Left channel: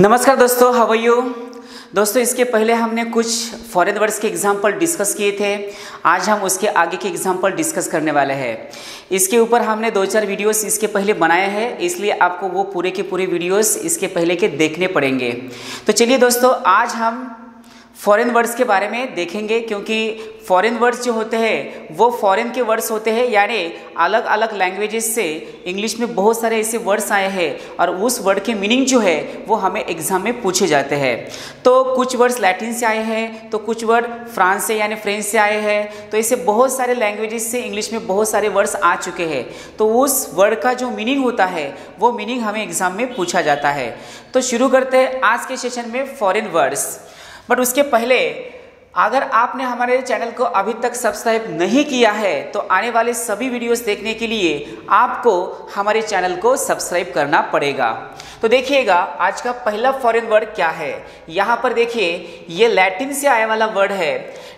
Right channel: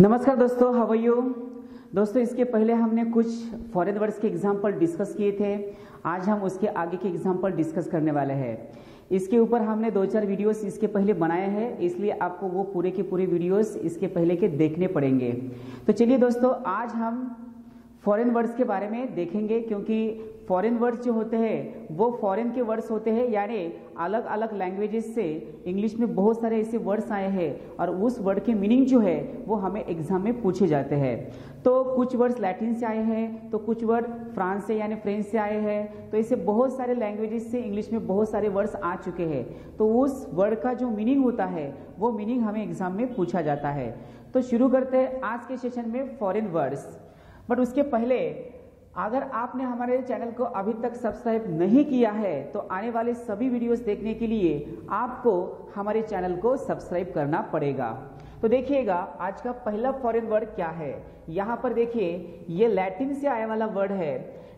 नमस्कार दोस्तों, how are you. दोस्तों, इसके पहले हमने कुछ फॉरेन वर्ड्स के एग्जाम्पल डिस्कस किए थे। आज हम उसके आगे के एग्जाम्पल डिस्कस करने वाले हैं। इसके ऊपर हमने 2-4 वीडियोस इसके पहले बनाए हैं, इसलिए आपको वो पूरे के पूरे वीडियोस इसके पहले के देखने पड़ेंगे। तो चलिए दोस्तों, आज हम फॉरेन वर्ड्स के बारे में देखेंगे, क्योंकि फॉरेन वर्ड्स जो होते हैं वो फॉरेन के वर्ड्स होते हैं, यानी अलग अलग लैंग्वेजेस से इंग्लिश में बहुत सारे ऐसे वर्ड्स आए हैं और उस वर्ड के मीनिंग जो है वो हमें एग्जाम में पूछे जाते हैं। तो कुछ वर्ड्स लैटिन से आए हैं, तो कुछ वर्ड फ्रांस से यानी फ्रेंच से आए हैं। तो ऐसे बहुत सारे लैंग्वेजेस से इंग्लिश में बहुत सारे वर्ड्स आ चुके हैं। तो उस वर्ड का जो मीनिंग होता है वो मीनिंग हमें एग्जाम में पूछा जाता है। तो शुरू करते हैं आज के सेशन में फॉरेन वर्ड्स। बट उसके पहले अगर आपने हमारे चैनल को अभी तक सब्सक्राइब नहीं किया है तो आने वाले सभी वीडियोस देखने के लिए आपको हमारे चैनल को सब्सक्राइब करना पड़ेगा। तो देखिएगा आज का पहला फॉरेन वर्ड क्या है। यहाँ पर देखिए, ये लैटिन से आने वाला वर्ड है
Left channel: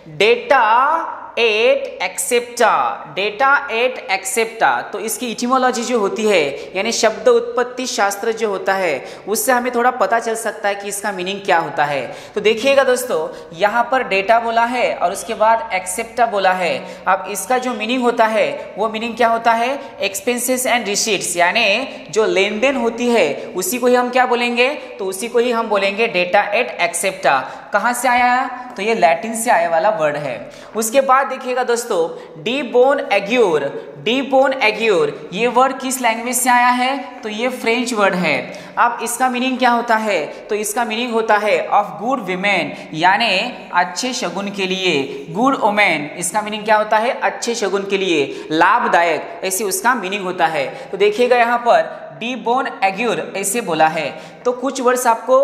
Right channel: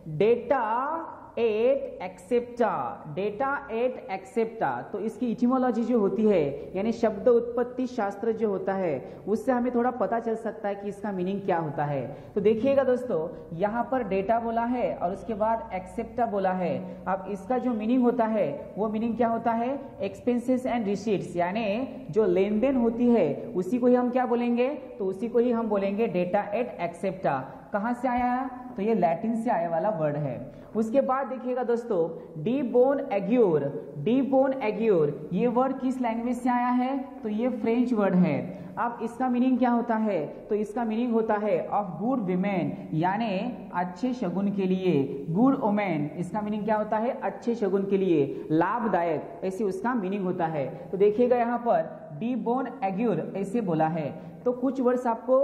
डेटा एट एक्सेप्टा। डेटा एट एक्सेप्टा, तो इसकी इटिमोलॉजी जो होती है यानी शब्द उत्पत्ति शास्त्र जो होता है उससे हमें थोड़ा पता चल सकता है कि इसका मीनिंग क्या होता है। तो देखिएगा दोस्तों, यहाँ पर डेटा बोला है और उसके बाद एक्सेप्टा बोला है। अब इसका जो मीनिंग होता है वो मीनिंग क्या होता है, एक्सपेंसेस एंड रिसीट्स, यानी जो लेन देन होती है उसी को ही हम क्या बोलेंगे, तो उसी को ही हम बोलेंगे डेटा एट एक्सेप्टा। कहाँ से आया है, तो ये लैटिन से आने वाला वर्ड है। उसके बाद देखिएगा दोस्तों, डी बोन एग्योर। डी बोन एग्योर ये वर्ड किस लैंग्वेज से आया है, तो ये फ्रेंच वर्ड है। अब इसका मीनिंग क्या होता है, तो इसका मीनिंग होता है ऑफ गुड विमेन, यानी अच्छे शगुन के लिए। गुड वुमेन इसका मीनिंग क्या होता है, अच्छे शगुन के लिए, लाभदायक, ऐसे उसका मीनिंग होता है। तो देखिएगा यहाँ पर डी बोन एग्योर ऐसे बोला है। तो कुछ वर्ड्स आपको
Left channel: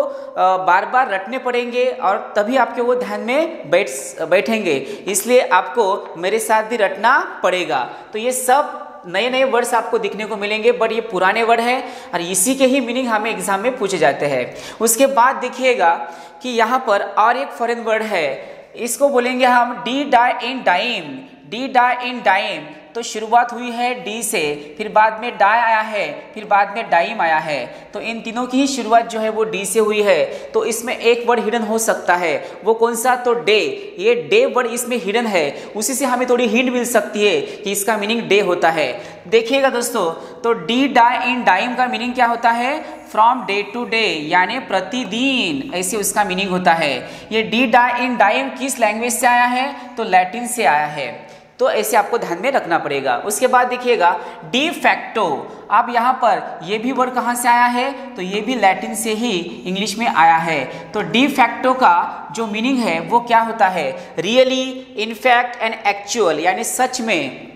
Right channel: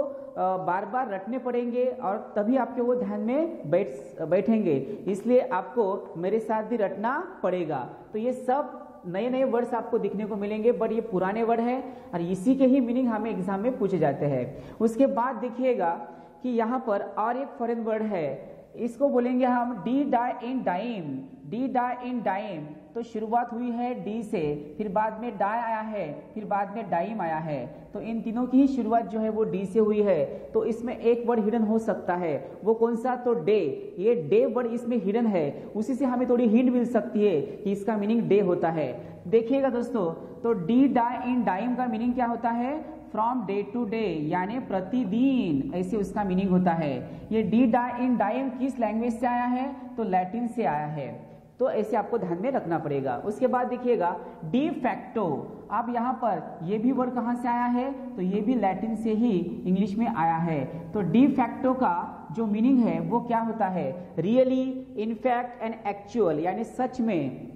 बार बार रटने पड़ेंगे और तभी आपके वो ध्यान में बैठेंगे, इसलिए आपको मेरे साथ भी रटना पड़ेगा। तो ये सब नए नए वर्ड्स आपको दिखने को मिलेंगे, बट ये पुराने वर्ड है और इसी के ही मीनिंग हमें एग्जाम में पूछे जाते हैं। उसके बाद देखिएगा कि यहाँ पर और एक फॉरेन वर्ड है, इसको बोलेंगे हम डी डाई इन डाइम। डी डाई इन डाइम, तो शुरुआत हुई है डी से, फिर बाद में डाई आया है, फिर बाद में डाइम आया है। तो इन तीनों की ही शुरुआत जो है वो डी से हुई है। तो इसमें एक वर्ड हिडन हो सकता है, वो कौन सा, तो डे। ये डे वर्ड इसमें हिडन है, उसी से हमें थोड़ी हिंट मिल सकती है कि इसका मीनिंग डे होता है। देखिएगा दोस्तों, तो डी डाई इन डाइम का मीनिंग क्या होता है, फ्रॉम डे टू डे, यानी प्रतिदिन, ऐसे उसका मीनिंग होता है। ये डी डाई इन डाइम किस लैंग्वेज से आया है, तो लैटिन से आया है। तो ऐसे आपको ध्यान में रखना पड़ेगा। उसके बाद देखिएगा डी फैक्टो। अब यहाँ पर ये भी वर्ड कहाँ से आया है, तो ये भी लैटिन से ही इंग्लिश में आया है। तो डी फैक्टो का जो मीनिंग है वो क्या होता है, रियली, इनफैक्ट एंड एक्चुअल, यानी सच में।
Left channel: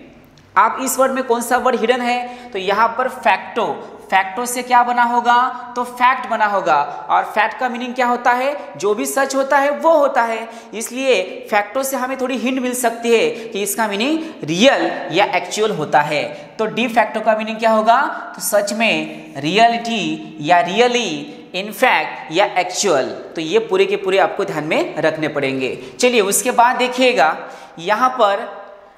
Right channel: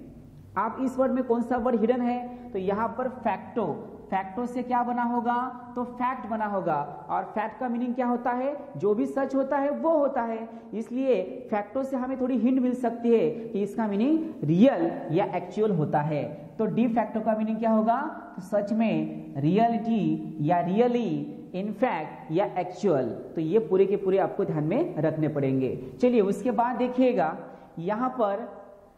आप इस वर्ड में कौन सा वर्ड हिडन है, तो यहाँ पर फैक्टो। फैक्टो से क्या बना होगा, तो फैक्ट बना होगा। और फैक्ट का मीनिंग क्या होता है, जो भी सच होता है वो होता है। इसलिए फैक्टो से हमें थोड़ी हिंट मिल सकती है कि इसका मीनिंग रियल या एक्चुअल होता है। तो डी फैक्टो का मीनिंग क्या होगा, तो सच में, रियलिटी या रियली, इनफैक्ट या एक्चुअल। तो ये पूरे के पूरे आपको ध्यान में रखने पड़ेंगे। चलिए उसके बाद देखिएगा, यहाँ पर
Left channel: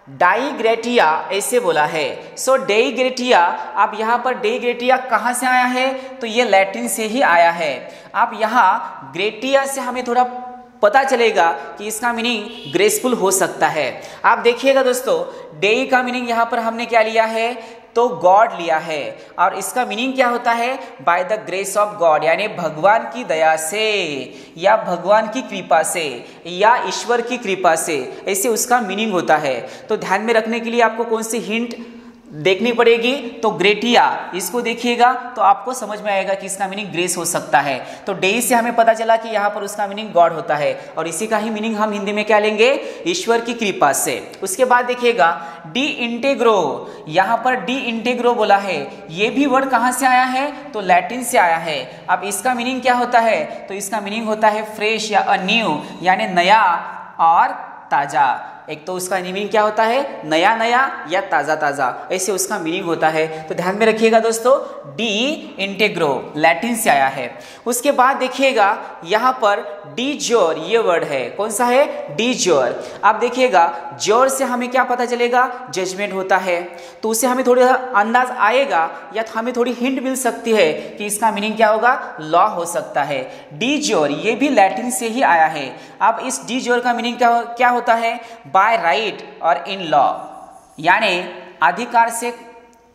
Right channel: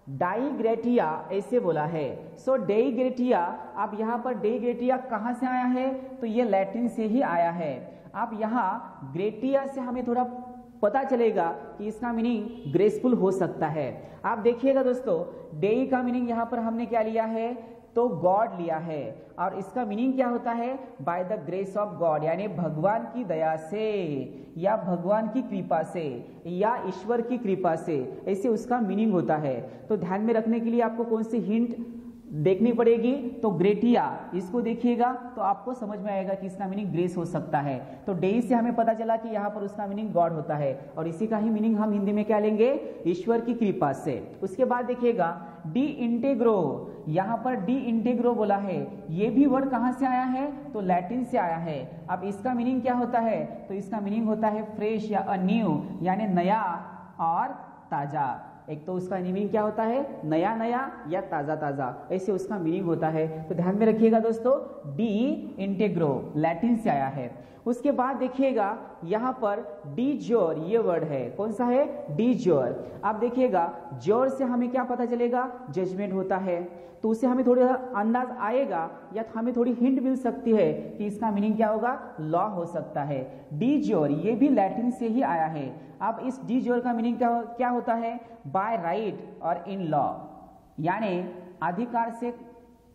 डाईग्रेटिया ऐसे बोला है। सो डेईग्रेटिया, अब यहाँ पर डेईग्रेटिया कहाँ से आया है, तो ये लैटिन से ही आया है। अब यहाँ ग्रेटिया से हमें थोड़ा पता चलेगा कि इसका मीनिंग ग्रेसफुल हो सकता है। आप देखिएगा दोस्तों, डेई का मीनिंग यहाँ पर हमने क्या लिया है, तो गॉड लिया है। और इसका मीनिंग क्या होता है, by the grace of God, यानी भगवान की दया से या भगवान की कृपा से या ईश्वर की कृपा से, ऐसे उसका मीनिंग होता है। तो ध्यान में रखने के लिए आपको कौन सी हिंट देखनी पड़ेगी, तो ग्रेटिया, इसको देखिएगा तो आपको समझ में आएगा कि इसका मीनिंग ग्रेस हो सकता है। तो डेई से हमें पता चला कि यहाँ पर उसका मीनिंग गॉड होता है और इसी का ही मीनिंग हम हिंदी में क्या लेंगे, ईश्वर की कृपा से। उसके बाद देखिएगा डी इंटेग्रो। यहाँ पर डी इंटेग्रो बोला है, ये भी वर्ड कहाँ से आया है, तो लैटिन से आया है। अब इसका मीनिंग क्या होता है, तो इसका मीनिंग होता है फ्रेश या न्यू, यानी नया और ताजा। एक तो उसका मीनिंग क्या होता है, नया नया या ताज़ा ताज़ा, ऐसे उसका मीनिंग होता है। तो ध्यान में रखिएगा दोस्तों, डी इंटेग्रो लैटिन से आया है। उसके बाद देखिएगा यहाँ पर डी जोर ये वर्ड है, कौन सा है, डी जोर। आप देखिएगा जोर से हमें क्या पता चलेगा, जजमेंट होता है, तो उससे हमें थोड़ा अंदाज आएगा या हमें थोड़ी हिंट मिल सकती है कि इसका मीनिंग क्या होगा, लॉ हो सकता है। डी जोर ये भी लैटिन से ही आया है। अब इस डी जोर का मीनिंग क्या होता है, बाय राइट और इन लॉ, यानी अधिकार से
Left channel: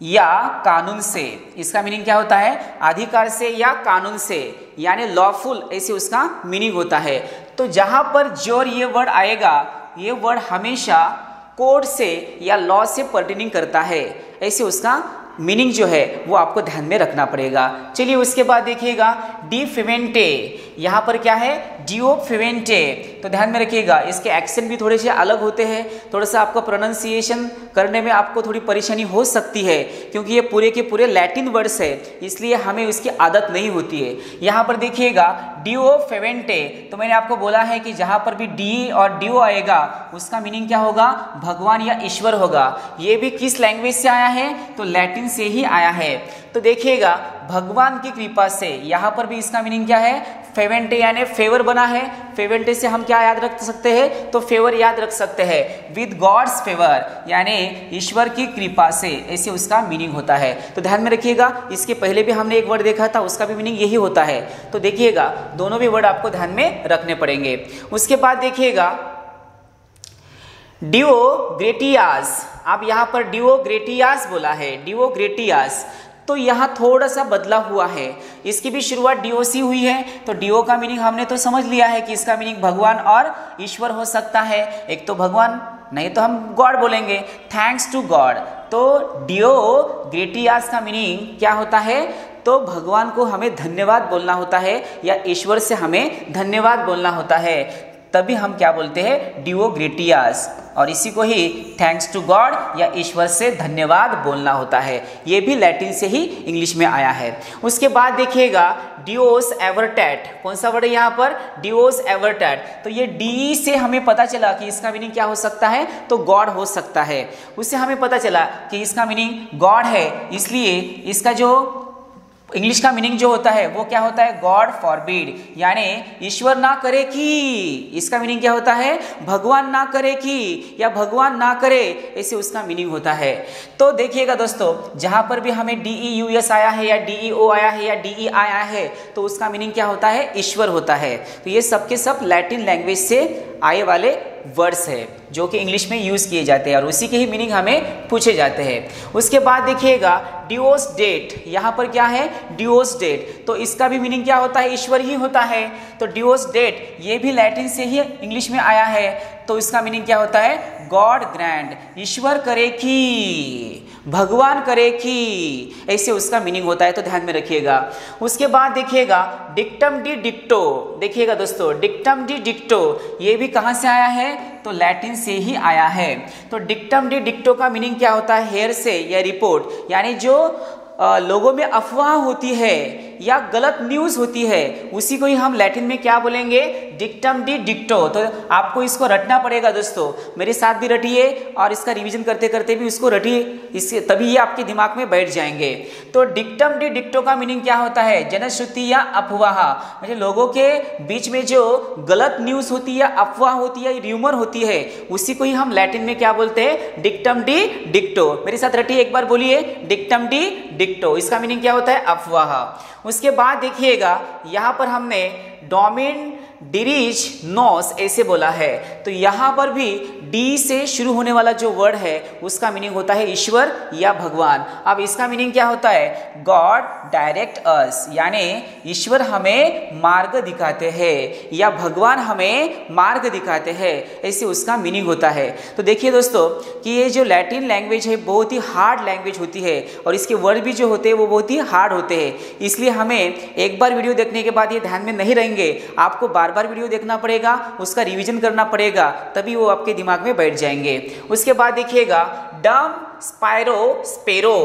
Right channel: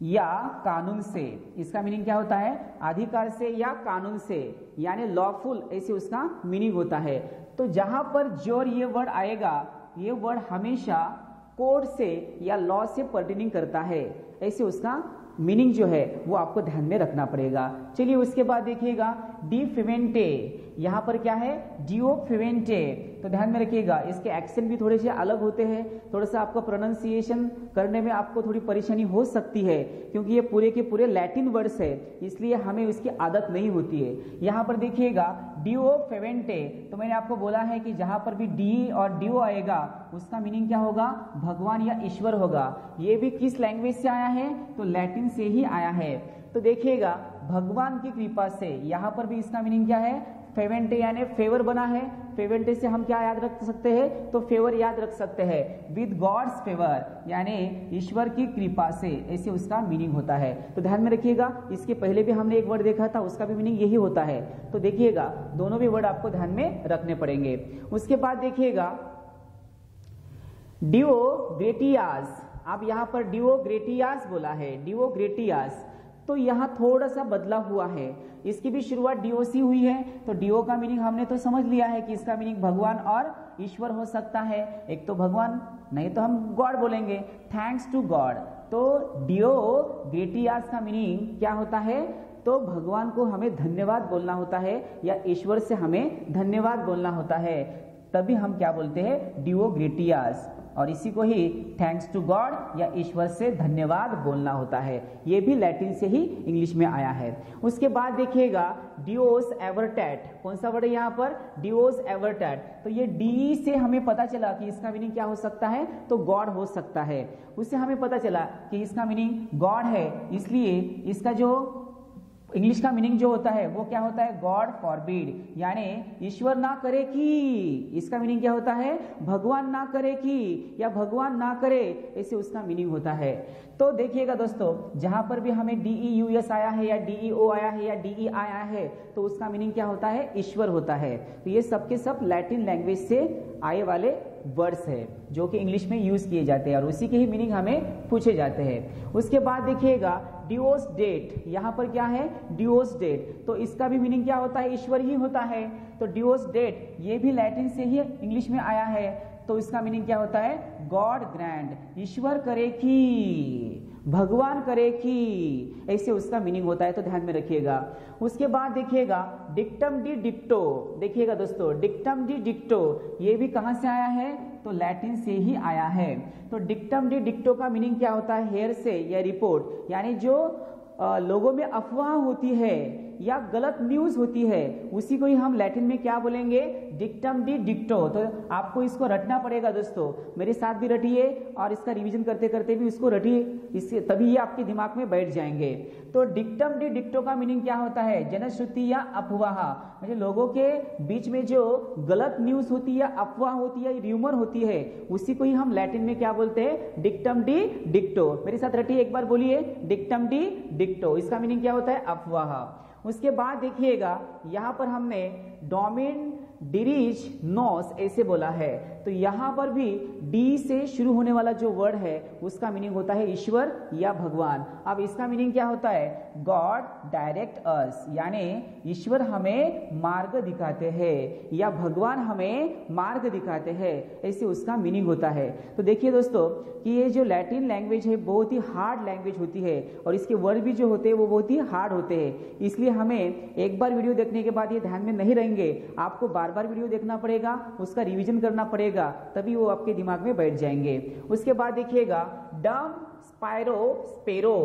या कानून से। इसका मीनिंग क्या होता है, अधिकार से या कानून से, यानी लॉफुल, ऐसे उसका मीनिंग होता है। तो जहां पर जोर ये वर्ड आएगा, ये वर्ड हमेशा कोड से या लॉ से पर्टेनिंग करता है, ऐसे उसका मीनिंग जो है वो आपको ध्यान में रखना पड़ेगा। चलिए उसके बाद देखिएगा डी फिवेंटे, यहाँ पर क्या है, डिओ फिवेंटे। तो ध्यान में रखिएगा, इसके एक्सेंट भी थोड़े से अलग होते हैं, थोड़ा सा आपको प्रोनाउंसिएशन करने में आपको थोड़ी परेशानी हो सकती है, क्योंकि ये पूरे के पूरे लैटिन वर्ड्स है, इसलिए हमें उसकी आदत नहीं होती है। यहाँ पर देखिएगा डिओ फिवेंटे, तो मैंने आपको बोला है कि जहाँ पर भी डी और डिओ आएगा उसका मीनिंग क्या होगा, भगवान या ईश्वर होगा। ये भी किस लैंग्वेज से आया है, तो लैटिन से ही आया है। तो देखिएगा भगवान की कृपा से, यहाँ पर भी इसका मीनिंग क्या है, फेवेंटे यानी फेवर बना है। फेवेंटे से हम क्या याद रख सकते हैं, तो फेवर याद रख सकते हैं, विद गॉड्स फेवर, यानी ईश्वर की कृपा से, ऐसे उसका मीनिंग होता है। तो ध्यान में रखिएगा, इसके पहले भी हमने एक वर्ड देखा था, उसका भी मीनिंग यही होता है। तो देखिएगा दोनों भी वर्ड आपको ध्यान में रखने पड़ेंगे। उसके बाद देखिएगा डिओ ग्रेटियास, आप यहाँ पर डिओ ग्रेटियास बोला है, डिओ ग्रेटियास, तो यहाँ थोड़ा सा बदला हुआ है। इसकी भी शुरुआत डीओ से हुई है, तो डीओ का मीनिंग हमने तो समझ लिया है कि इसका मीनिंग भगवान और ईश्वर हो सकता है। एक तो भगवान, नहीं तो हम गॉड बोलेंगे, थैंक्स टू गॉड। तो डिओ ग्रेटियास का मीनिंग क्या होता है, तो भगवान को हमें धन्यवाद बोलना होता है या ईश्वर से हमें धन्यवाद बोलना होता है, तभी हम क्या बोलते हैं, डिओ ग्रेटियास। और इसी को ही थैंक्स टू गॉड या ईश्वर से धन्यवाद बोलना होता है। ये भी लैटिन से ही इंग्लिश में आया है। उसके बाद देखिएगा डिओस एवर्टैट, कौन सा वर्ड है यहाँ पर, डिओस एवर्टैट। तो ये डी से हमें पता चला कि इसका मीनिंग क्या हो सकता है, तो गॉड हो सकता है। उससे हमें पता चला कि इसका मीनिंग गॉड है, इसलिए इसका जो इंग्लिश का मीनिंग जो होता है वो क्या होता है, गॉड फॉरबिड, यानी ईश्वर ना करे कि। इसका मीनिंग क्या होता है, भगवान ना करे कि या भगवान ना करे, ऐसे उसका मीनिंग होता है। तो देखिएगा दोस्तों, जहां पर भी हमें DEUS आया है या DEO आया है या DEI आया है, तो उसका मीनिंग क्या होता है, ईश्वर होता है। तो ये सब के सब लैटिन लैंग्वेज से आए वाले वर्ड्स है जो कि इंग्लिश में यूज किए जाते हैं और उसी के ही मीनिंग हमें पूछे जाते हैं। उसके बाद देखिएगा डिओस डेट, यहाँ पर क्या है, डिओस डेट, तो इसका भी मीनिंग क्या होता है, ईश्वर ही होता है। तो डिओस डेट ये भी लैटिन से ही इंग्लिश में आया है, तो इसका मीनिंग क्या होता है, गॉड ग्रैंड, ईश्वर करे कि, भगवान करे कि, ऐसे उसका मीनिंग होता है। तो ध्यान में रखिएगा। उसके बाद देखिएगा डिक्टम डी डिक्टो, देखिएगा दोस्तों डिक्टम डी डिक्टो ये भी कहाँ से आया है, तो लैटिन से ही आया है। तो डिक्टम डी डिक्टो का मीनिंग क्या होता है, हेयर से या रिपोर्ट, यानी जो लोगों में अफवाह होती है या गलत न्यूज़ होती है, उसी को ही हम लैटिन में क्या बोलेंगे, डिक्टम डी डिक्टो। तो आपको इसको रटना पड़ेगा दोस्तों, मेरे साथ भी रटिए और इसका रिवीजन करते करते भी उसको रटिए, इससे तभी ये आपके दिमाग में बैठ जाएंगे। तो डिक्टम डी डिक्टो का मीनिंग क्या होता है, जनश्रुति या अफवाह, मतलब लोगों के बीच में जो गलत न्यूज़ होती है या अफवाह होती है, र्यूमर होती है, उसी को ही हम लैटिन में क्या बोलते हैं, डिक्टम डी डिक्टो। मेरे साथ रटिए, एक बार बोलिए, डिक्टम डी डिक्टो, इसका मीनिंग क्या होता है, अफवाह। उसके बाद देखिएगा यहाँ पर हमने डोमिन डिरिच नोस ऐसे बोला है, तो यहाँ पर भी डी से शुरू होने वाला जो वर्ड है उसका मीनिंग होता है ईश्वर या भगवान। अब इसका मीनिंग क्या होता है, गॉड डायरेक्ट अस, यानी ईश्वर हमें मार्ग दिखाते हैं या भगवान हमें मार्ग दिखाते हैं, ऐसे उसका मीनिंग होता है। तो देखिए दोस्तों कि ये जो लैटिन लैंग्वेज है बहुत ही हार्ड लैंग्वेज होती है और इसके वर्ड भी जो होते हैं वो बहुत ही हार्ड होते हैं, इसलिए हमें एक बार वीडियो देखने के बाद ये ध्यान में नहीं रहेंगे, आपको बार बार वीडियो देखना पड़ेगा, उसका रिवीजन करना पड़ेगा, तभी वो आपके दिमाग में बैठ जाएंगे। उसके बाद देखिएगा डम स्पायरो स्पेरो,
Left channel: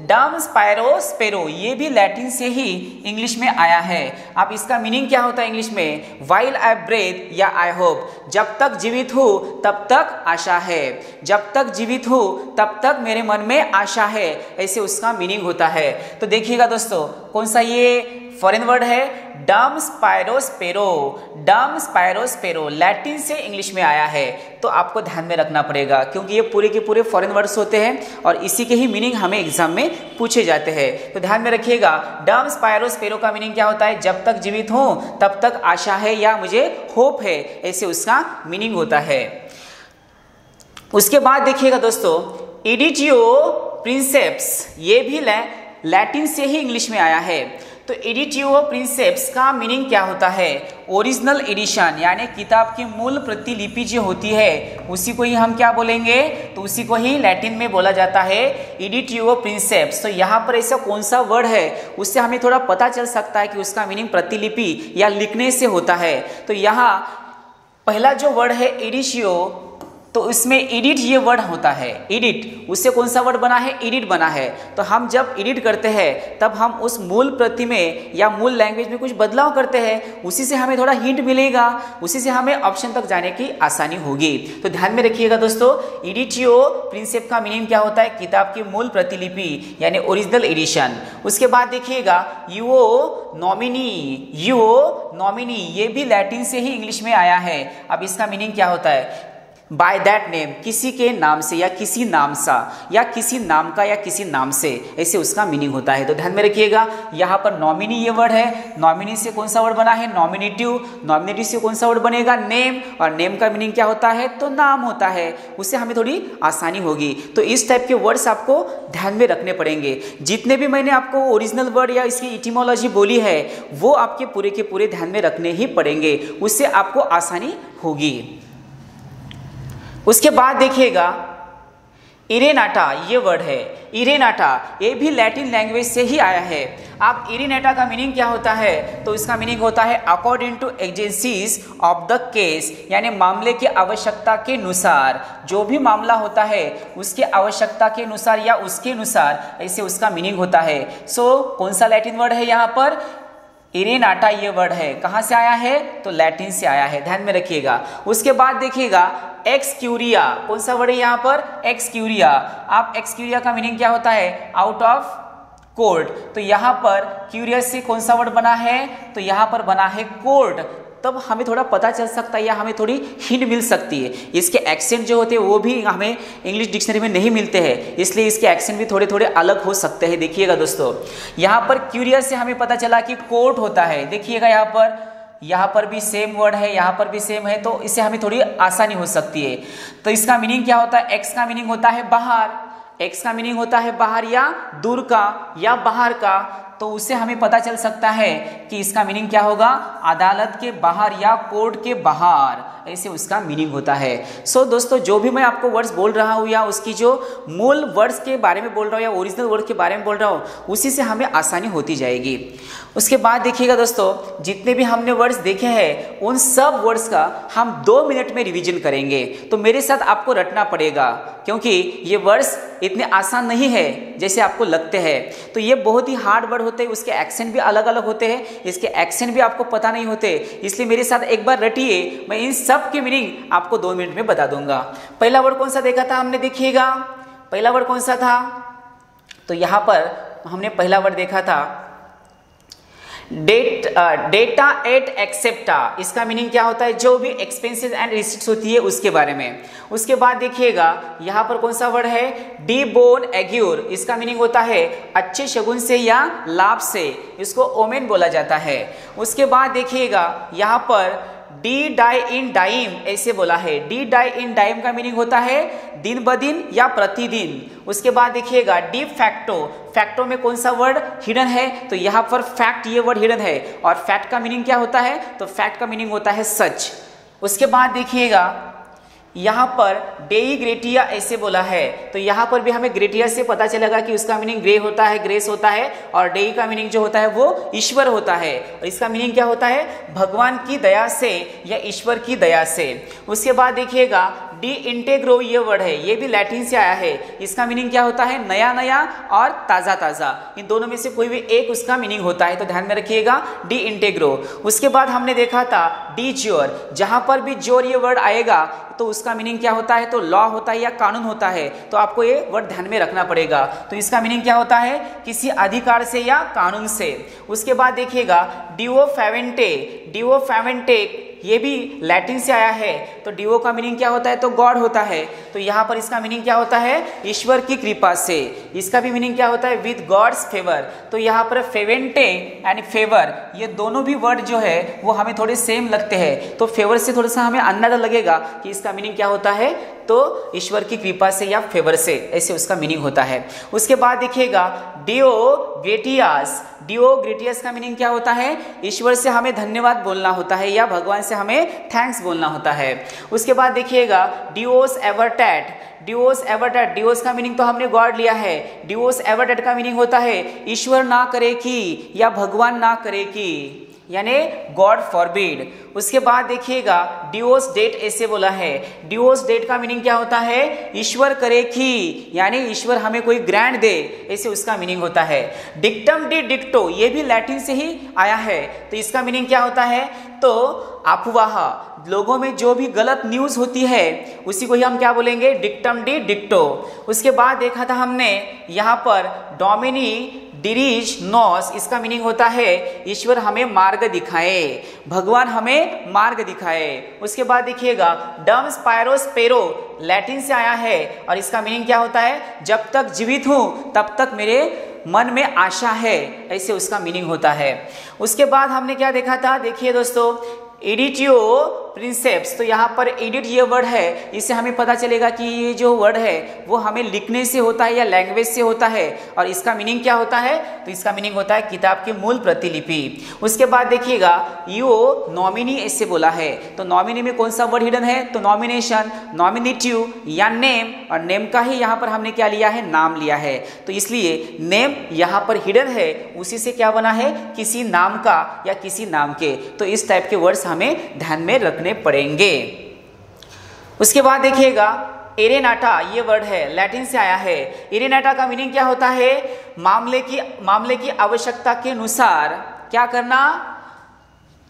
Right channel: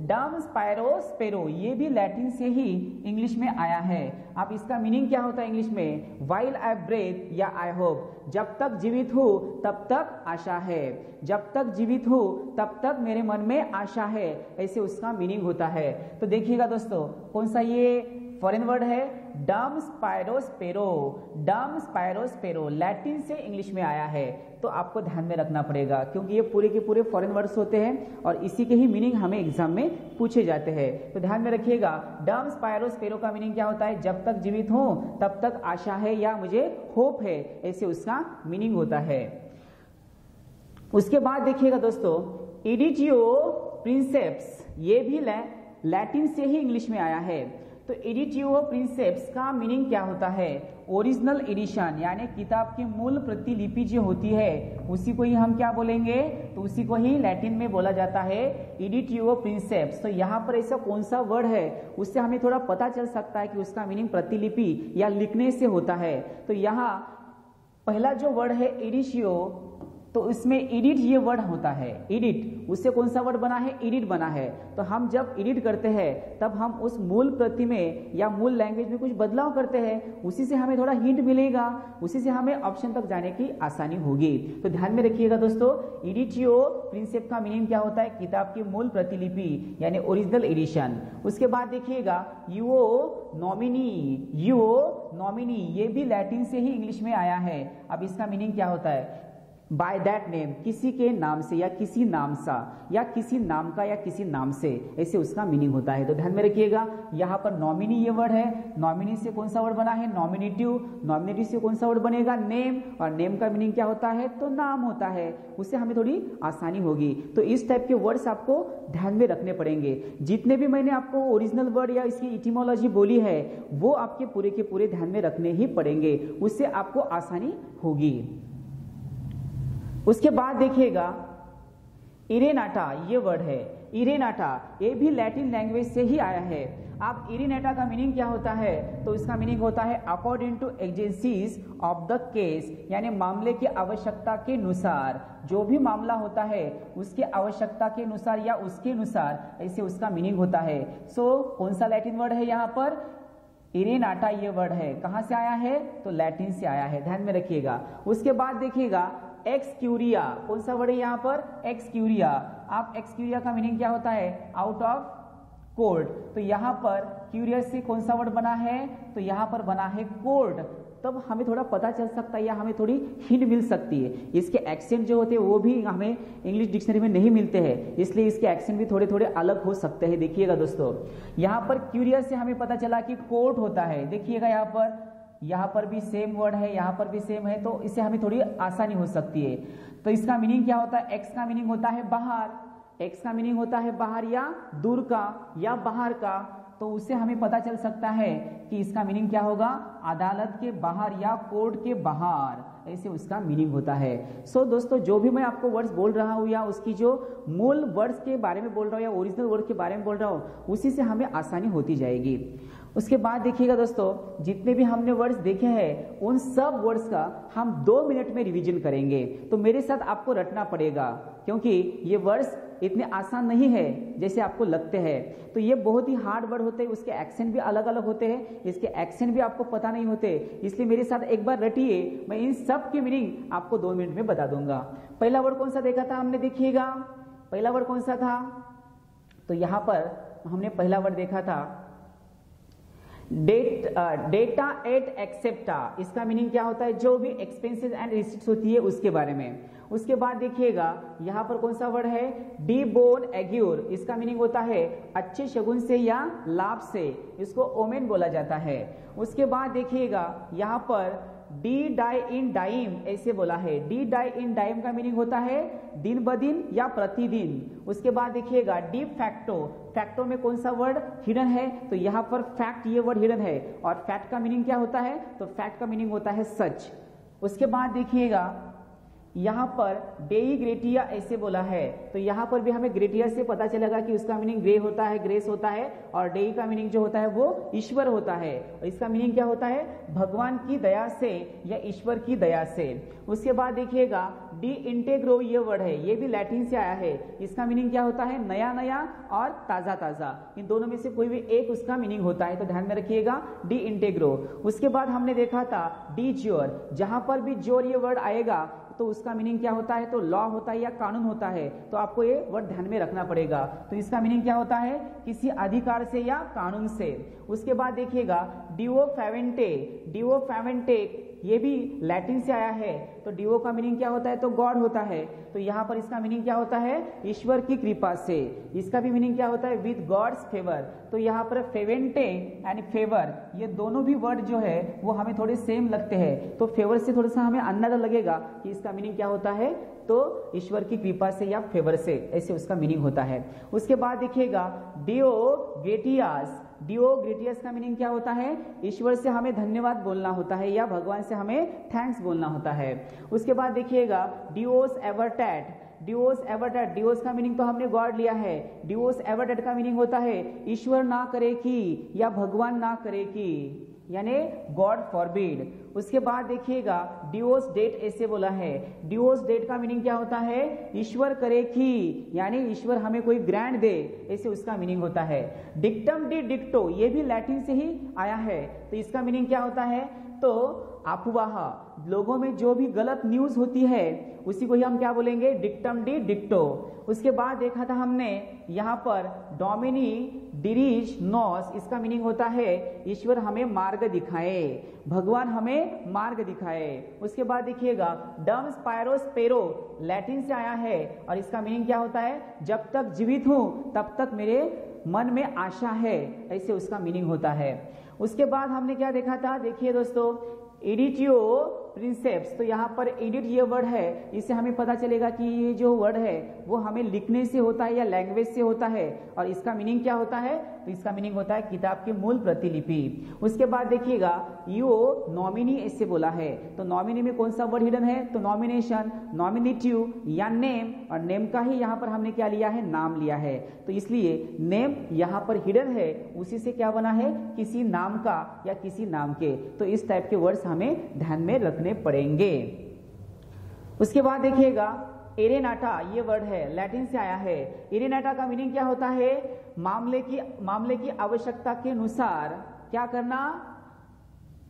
डम स्पायरो स्पेरो, ये भी लैटिन से ही इंग्लिश में आया है। अब इसका मीनिंग क्या होता है इंग्लिश में? वाइल आई ब्रेथ या आई होप, जब तक जीवित हूँ तब तक आशा है, जब तक जीवित हूँ तब तक मेरे मन में आशा है, ऐसे उसका मीनिंग होता है। तो देखिएगा दोस्तों, कौन सा ये फॉरेन वर्ड है? डम स्पायरो स्पेरो, डम स्पायरो स्पेरो, लैटिन से इंग्लिश में आया है। तो आपको ध्यान में रखना पड़ेगा क्योंकि ये पूरे के पूरे फॉरेन वर्ड्स होते हैं और इसी के ही मीनिंग हमें एग्जाम में पूछे जाते हैं। तो ध्यान में रखिएगा, डम स्पायरो स्पेरो का मीनिंग क्या होता है? जब तक जीवित हूँ तब तक आशा है या मुझे होप है, ऐसे उसका मीनिंग होता है। उसके बाद देखिएगा दोस्तों, इडिटियो प्रिंसेप्स, ये भी लैटिन से ही इंग्लिश में आया है। तो एडिटियो प्रिंसेप्स का मीनिंग क्या होता है? ओरिजिनल एडिशन, यानी किताब की मूल प्रतिलिपि जो होती है उसी को ही हम क्या बोलेंगे? तो उसी को ही लैटिन में बोला जाता है एडिटियो प्रिंसेप्स। तो यहाँ पर ऐसा कौन सा वर्ड है उससे हमें थोड़ा पता चल सकता है कि उसका मीनिंग प्रतिलिपि या लिखने से होता है। तो यहाँ पहला जो वर्ड है एडिशियो, तो इसमें एडिट ये वर्ड होता है, एडिट, उससे कौन सा वर्ड बना है? एडिट बना है। तो हम जब एडिट करते हैं तब हम उस मूल प्रति में या मूल लैंग्वेज में कुछ बदलाव करते हैं, उसी से हमें थोड़ा हिंट मिलेगा, उसी से हमें ऑप्शन तक जाने की आसानी होगी। तो ध्यान में रखिएगा दोस्तों, एडिटियो प्रिंसेप का मीनिंग क्या होता है? किताब की मूल प्रतिलिपि यानी ओरिजिनल एडिशन। उसके बाद देखिएगा युओ नॉमिनी, युओ नॉमिनी, ये भी लैटिन से ही इंग्लिश में आया है। अब इसका मीनिंग क्या होता है? बाय दैट नेम, किसी के नाम से या किसी नाम सा या किसी नाम का या किसी नाम से, ऐसे उसका मीनिंग होता है। तो ध्यान में रखिएगा, यहाँ पर नॉमिनी ये वर्ड है, नॉमिनी से कौन सा वर्ड बना है? नॉमिनेटिव, नॉमिनेटिव से कौन सा वर्ड बनेगा? नेम, और नेम का मीनिंग क्या होता है? तो नाम होता है, उससे हमें थोड़ी आसानी होगी। तो इस टाइप के वर्ड्स आपको ध्यान में रखने पड़ेंगे। जितने भी मैंने आपको ओरिजिनल वर्ड या इसकी इटिमोलॉजी बोली है वो आपके पूरे के पूरे ध्यान में रखने ही पड़ेंगे, उससे आपको आसानी होगी। उसके बाद देखिएगा इरेनाटा, ये वर्ड है इरेनाटा, ये भी लैटिन लैंग्वेज से ही आया है। अब इरेनाटा का मीनिंग क्या होता है? तो इसका मीनिंग होता है according to agencies of the case, यानी मामले की आवश्यकता के अनुसार, जो भी मामला होता है उसके आवश्यकता के अनुसार या उसके अनुसार, ऐसे उसका मीनिंग होता है। सो कौन सा लैटिन वर्ड है यहाँ पर? इरेनाटा ये वर्ड है। कहाँ से आया है? तो लैटिन से आया है, ध्यान में रखिएगा। उसके बाद देखिएगा एक्सक्यूरिया, कौन सा वर्ड है यहाँ पर? एक्सक्यूरिया। आप एक्सक्यूरिया का मीनिंग क्या होता है? Out of court. तो यहाँ पर क्यूरियस से कौन सा वर्ड बना है? तो यहाँ पर बना है कोर्ट। तब हमें थोड़ा पता चल सकता है या हमें थोड़ी हिंट मिल सकती है। इसके एक्सेंट जो होते हैं वो भी हमें इंग्लिश डिक्शनरी में नहीं मिलते हैं, इसलिए इसके एक्सेंट भी थोड़े थोड़े अलग हो सकते हैं। देखिएगा दोस्तों, यहाँ पर क्यूरियस से हमें पता चला कि कोर्ट होता है। देखिएगा यहाँ पर भी सेम वर्ड है, यहाँ पर भी सेम है, तो इससे हमें थोड़ी आसानी हो सकती है। तो इसका मीनिंग क्या होता है? एक्स का मीनिंग होता है बाहर, एक्स का मीनिंग होता है बाहर या दूर का या बाहर का। तो उससे हमें पता चल सकता है कि इसका मीनिंग क्या होगा? अदालत के बाहर या कोर्ट के बाहर, ऐसे उसका मीनिंग होता है। सो दोस्तों, जो भी मैं आपको वर्ड्स बोल रहा हूँ या उसकी जो मूल वर्ड्स के बारे में बोल रहा हूँ या ओरिजिनल वर्ड के बारे में बोल रहा हूँ, उसी से हमें आसानी होती जाएगी। उसके बाद देखिएगा दोस्तों, जितने भी हमने वर्ड्स देखे हैं उन सब वर्ड्स का हम 2 मिनट में रिवीजन करेंगे। तो मेरे साथ आपको रटना पड़ेगा क्योंकि ये वर्ड्स इतने आसान नहीं है जैसे आपको लगते हैं। तो ये बहुत ही हार्ड वर्ड होते हैं, उसके एक्सेंट भी अलग अलग होते हैं, इसके एक्सेंट भी आपको पता नहीं होते, इसलिए मेरे साथ एक बार रटिए, मैं इन सब की मीनिंग आपको 2 मिनट में बता दूंगा। पहला वर्ड कौन सा देखा था हमने? देखिएगा पहला वर्ड कौन सा था? तो यहाँ पर हमने पहला वर्ड देखा था डेटा एट एक्सेप्टा। इसका मीनिंग क्या होता है? जो भी एक्सपेंसेस एंड रिसिट्स होती है उसके बारे में। उसके बाद देखिएगा यहाँ पर कौन सा वर्ड है? डी बोन एग्योर। इसका मीनिंग होता है अच्छे शगुन से या लाभ से, इसको ओमेन बोला जाता है। उसके बाद देखिएगा यहाँ पर डी डाई इन डाइम ऐसे बोला है। डी डाई इन डाइम का मीनिंग होता है दिन ब दिन या प्रतिदिन। उसके बाद देखिएगा डी फैक्टो, फैक्टो में कौन सा वर्ड हिडन है? तो यहाँ पर फैक्ट ये वर्ड हिडन है। और फैक्ट का मीनिंग क्या होता है? तो फैक्ट का मीनिंग होता है सच। उसके बाद देखिएगा यहाँ पर डेई ग्रेटिया ऐसे बोला है। तो यहाँ पर भी हमें ग्रेटिया से पता चलेगा कि उसका मीनिंग ग्रे होता है, ग्रेस होता है, और डेई का मीनिंग जो होता है वो ईश्वर होता है। और इसका मीनिंग क्या होता है? भगवान की दया से या ईश्वर की दया से। उसके बाद देखिएगा डी इंटेग्रो ये वर्ड है, ये भी लैटिन से आया है। इसका मीनिंग क्या होता है? नया नया और ताज़ा ताज़ा, इन दोनों में से कोई भी एक उसका मीनिंग होता है, तो ध्यान में रखिएगा डी इंटेग्रो। उसके बाद हमने देखा था डी ज्योर, जहाँ पर भी ज्योर ये वर्ड आएगा तो उसका मीनिंग क्या होता है? तो लॉ होता है या कानून होता है, तो आपको ये वर्ड ध्यान में रखना पड़ेगा। तो इसका मीनिंग क्या होता है? किसी अधिकार से या कानून से। उसके बाद देखिएगा डिवो फेवेंटे, डिवो फेवेंटे ये भी लैटिन से आया है, तो डिवो का मीनिंग क्या होता है? तो गॉड होता है। तो यहाँ पर इसका मीनिंग क्या होता है? ईश्वर की कृपा से। इसका भी मीनिंग क्या होता है? With god's favour. तो यहाँ पर फेवेंटे एंड फेवर ये दोनों भी वर्ड जो है वो हमें थोड़े सेम लगते हैं, तो फेवर से थोड़ा सा हमें अंदाजा लगेगा कि इसका मीनिंग क्या होता है, तो ईश्वर की कृपा से या फेवर से, ऐसे उसका मीनिंग होता है। उसके बाद देखिएगा डिओ ग्रेटियास, डिओ ग्रेटियास का मीनिंग क्या होता है? ईश्वर से हमें धन्यवाद बोलना होता है या भगवान से हमें थैंक्स बोलना होता है। उसके बाद देखिएगा डिओस एवर्टैट, डिवोस एवर्टैट, डिवोस का मीनिंग तो हमने गॉड लिया है, डिवोस एवर्टैट का मीनिंग होता है ईश्वर ना करे कि या भगवान ना करे कि, यानी गॉड फॉरबिड। उसके बाद देखिएगा डिवोर्स डेट ऐसे बोला है, डिवोर्स डेट का मीनिंग क्या होता है? ईश्वर करे कि, यानी ईश्वर हमें कोई ग्रांट दे, ऐसे उसका मीनिंग होता है। डिक्टम डी डिक्टो ये भी लैटिन से ही आया है, तो इसका मीनिंग क्या होता है? तो अफवाह, लोगों में जो भी गलत न्यूज़ होती है उसी को ही हम क्या बोलेंगे? डिक्टम डी डिक्टो। उसके बाद देखा था हमने यहाँ पर डोमिनी डिरीज नॉस, इसका मीनिंग होता है ईश्वर हमें मार्ग दिखाए, भगवान हमें मार्ग दिखाए। उसके बाद देखिएगा डम स्पायरोस पेरो लैटिन से आया है और इसका मीनिंग क्या होता है? जब तक जीवित हूँ तब तक मेरे मन में आशा है, ऐसे उसका मीनिंग होता है। उसके बाद हमने क्या देखा था? देखिए दोस्तों एडिटियो प्रिंसेप्स, तो यहाँ पर एडिट ये वर्ड है, इससे हमें पता चलेगा कि ये जो वर्ड है वो हमें लिखने से होता है या लैंग्वेज से होता है, और इसका मीनिंग क्या होता है? तो इसका मीनिंग होता है किताब की मूल प्रतिलिपि। उसके बाद देखिएगा यो नॉमिनी ऐसे बोला है, तो नॉमिनी में कौन सा वर्ड हिडन है? तो नॉमिनेशन, नॉमिनेटिव या नेम, और नेम का ही यहाँ पर हमने क्या लिया है? नाम लिया है, तो इसलिए नेम यहाँ पर हिडन है, उसी से क्या बना है? किसी नाम का या किसी नाम के। तो इस टाइप के वर्ड्स हमें ध्यान में रखने पड़ेंगे। उसके बाद देखिएगा एरेनाटा ये वर्ड है, लैटिन से आया है। एरेनाटा का मीनिंग क्या होता है? मामले की आवश्यकता के अनुसार क्या करना?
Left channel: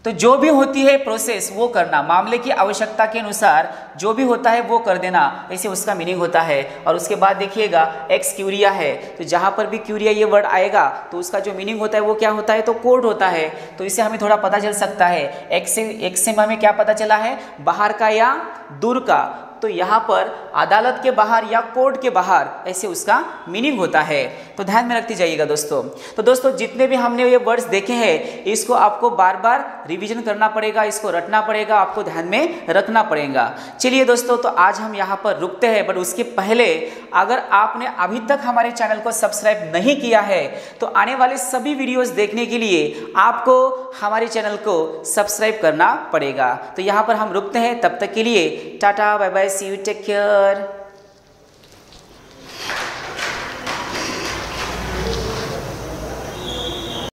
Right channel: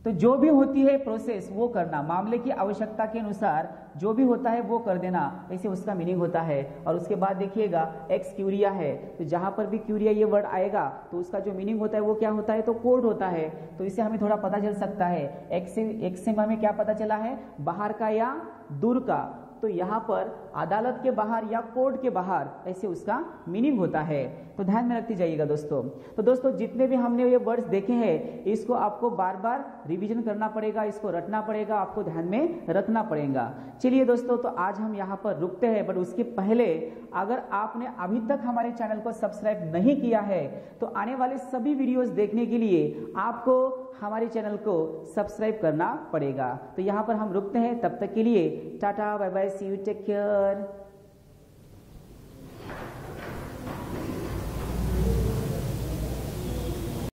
तो जो भी होती है प्रोसेस वो करना, मामले की आवश्यकता के अनुसार जो भी होता है वो कर देना, ऐसे उसका मीनिंग होता है। और उसके बाद देखिएगा एक्स क्यूरिया है, तो जहाँ पर भी क्यूरिया ये वर्ड आएगा तो उसका जो मीनिंग होता है वो क्या होता है? तो कोर्ट होता है, तो इससे हमें थोड़ा पता चल सकता है। एक्स से हमें क्या पता चला है? बाहर का या दूर का, तो यहाँ पर अदालत के बाहर या कोर्ट के बाहर, ऐसे उसका मीनिंग होता है। तो ध्यान में रखते जाइएगा दोस्तों। तो दोस्तों जितने भी हमने ये वर्ड्स देखे हैं इसको आपको बार बार रिवीजन करना पड़ेगा, इसको रटना पड़ेगा, आपको ध्यान में रखना पड़ेगा। चलिए दोस्तों, तो आज हम यहाँ पर रुकते हैं, बट उसके पहले अगर आपने अभी तक हमारे चैनल को सब्सक्राइब नहीं किया है तो आने वाले सभी वीडियोस देखने के लिए आपको हमारे चैनल को सब्सक्राइब करना पड़ेगा। तो यहाँ पर हम रुकते हैं, तब तक के लिए tata bye bye, see you, take care.